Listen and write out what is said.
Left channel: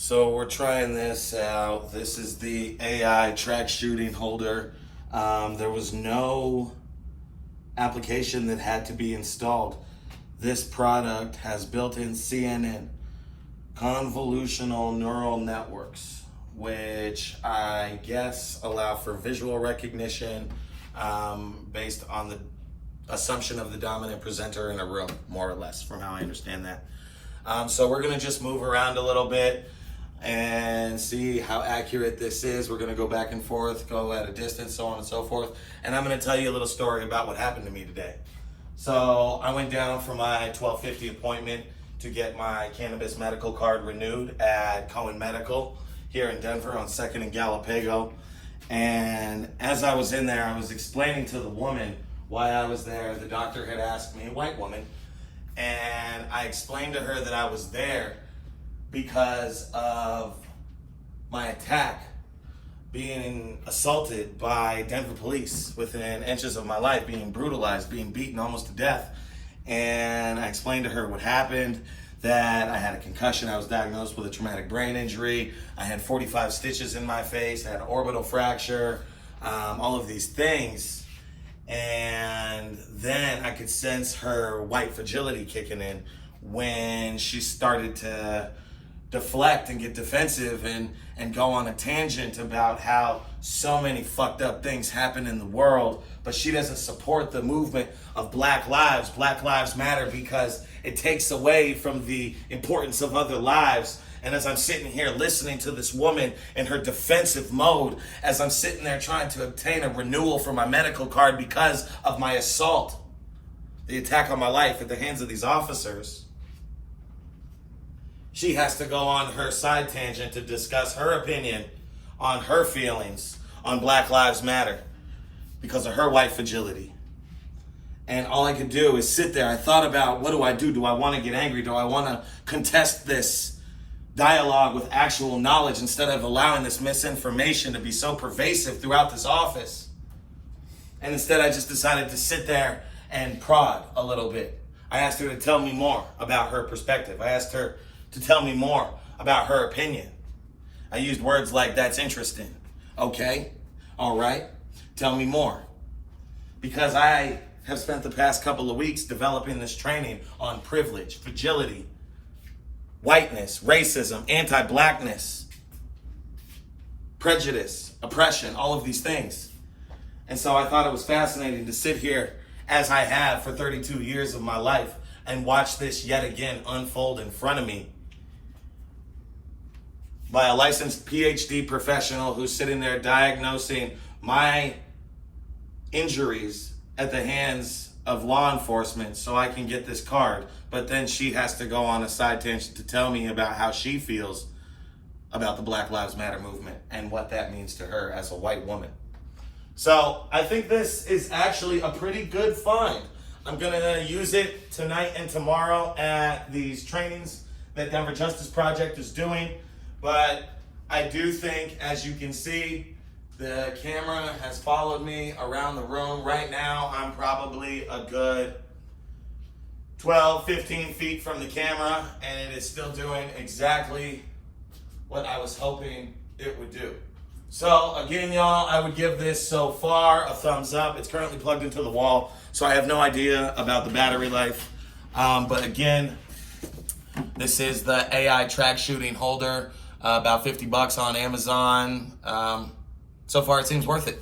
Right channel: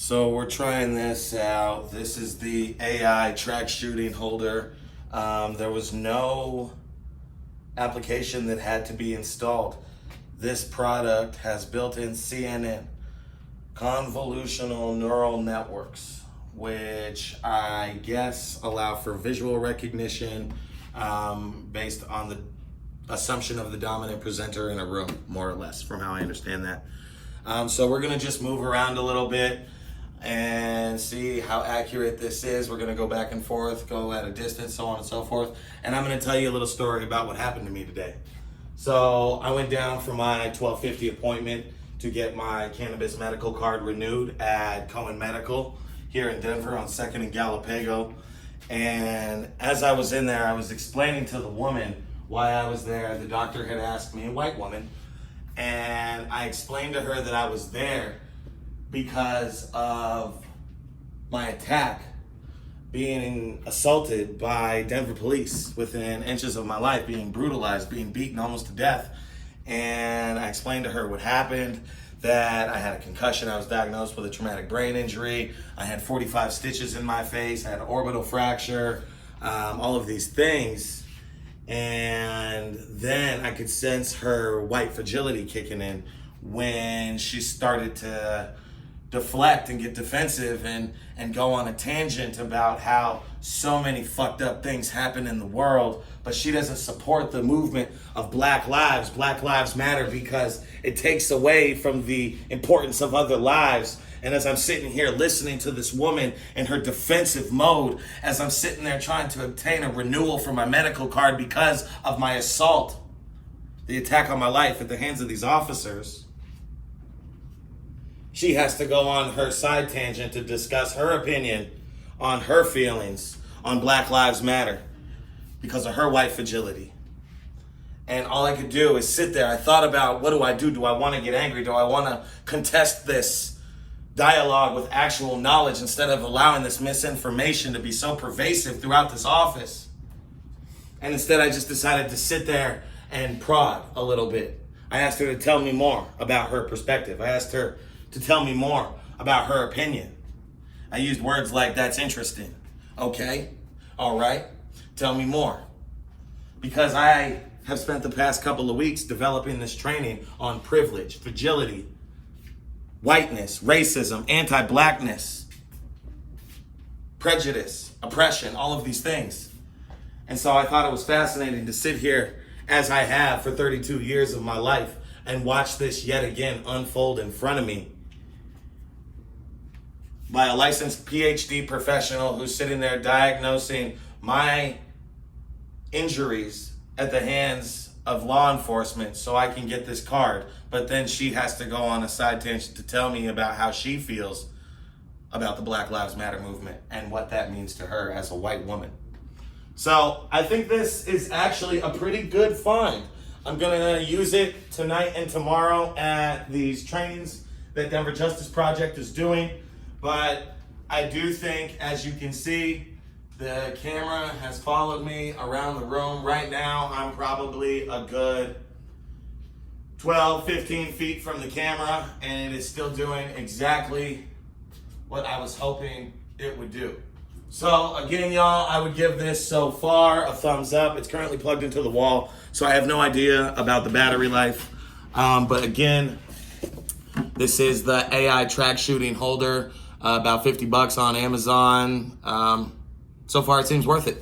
So we're trying this out. This is the AI track shooting holder. There was no application that had to be installed. This product has built-in CNN, convolutional neural networks, which I guess allow for visual recognition based on the assumption of the dominant presenter in a room, more or less, from how I understand that. So we're gonna just move around a little bit and see how accurate this is. We're gonna go back and forth, go at a distance, so on and so forth. And I'm gonna tell you a little story about what happened to me today. So I went down for my 12:50 appointment to get my cannabis medical card renewed at Cohen Medical here in Denver on 2nd and Galapago. And as I was in there, I was explaining to the woman why I was there. The doctor had asked me, a white woman, and I explained to her that I was there because of my attack, being assaulted by Denver police within inches of my life, being brutalized, being beaten almost to death. And I explained to her what happened, that I had a concussion, I was diagnosed with a traumatic brain injury, I had 45 stitches in my face, I had an orbital fracture, all of these things. And then I could sense her white fragility kicking in when she started to deflect and get defensive and go on a tangent about how so many fucked up things happen in the world, but she doesn't support the movement of Black Lives Matter, because it takes away from the importance of other lives. And as I'm sitting here listening to this woman in her defensive mode, as I'm sitting there trying to obtain a renewal for my medical card because of my assault, the attack on my life at the hands of these officers, she has to go on her side tangent to discuss her opinion on her feelings on Black Lives Matter because of her white fragility. And all I could do is sit there. I thought about, what do I do? Do I want to get angry? Do I want to contest this dialogue with actual knowledge instead of allowing this misinformation to be so pervasive throughout this office? And instead I just decided to sit there and prod a little bit. I asked her to tell me more about her perspective. I asked her to tell me more about her opinion. I used words like, that's interesting. Okay, all right, tell me more. Because I have spent the past couple of weeks developing this training on privilege, fragility, whiteness, racism, anti-blackness, prejudice, oppression, all of these things. And so I thought it was fascinating to sit here, as I have for 32 years of my life, and watch this yet again unfold in front of me by a licensed PhD professional who's sitting there diagnosing my injuries at the hands of law enforcement so I can get this card. But then she has to go on a side tangent to tell me about how she feels about the Black Lives Matter movement and what that means to her as a white woman. So I think this is actually a pretty good find. I'm gonna use it tonight and tomorrow at these trainings that Denver Justice Project is doing. But I do think, as you can see, the camera has followed me around the room. Right now, I'm probably a good 12, 15 feet from the camera, and it is still doing exactly what I was hoping it would do. So again, y'all, I would give this so far a thumbs up. It's currently plugged into the wall, so I have no idea about the battery life. But again, this is the AI track shooting holder, about $50 on Amazon. So far, it seems worth it.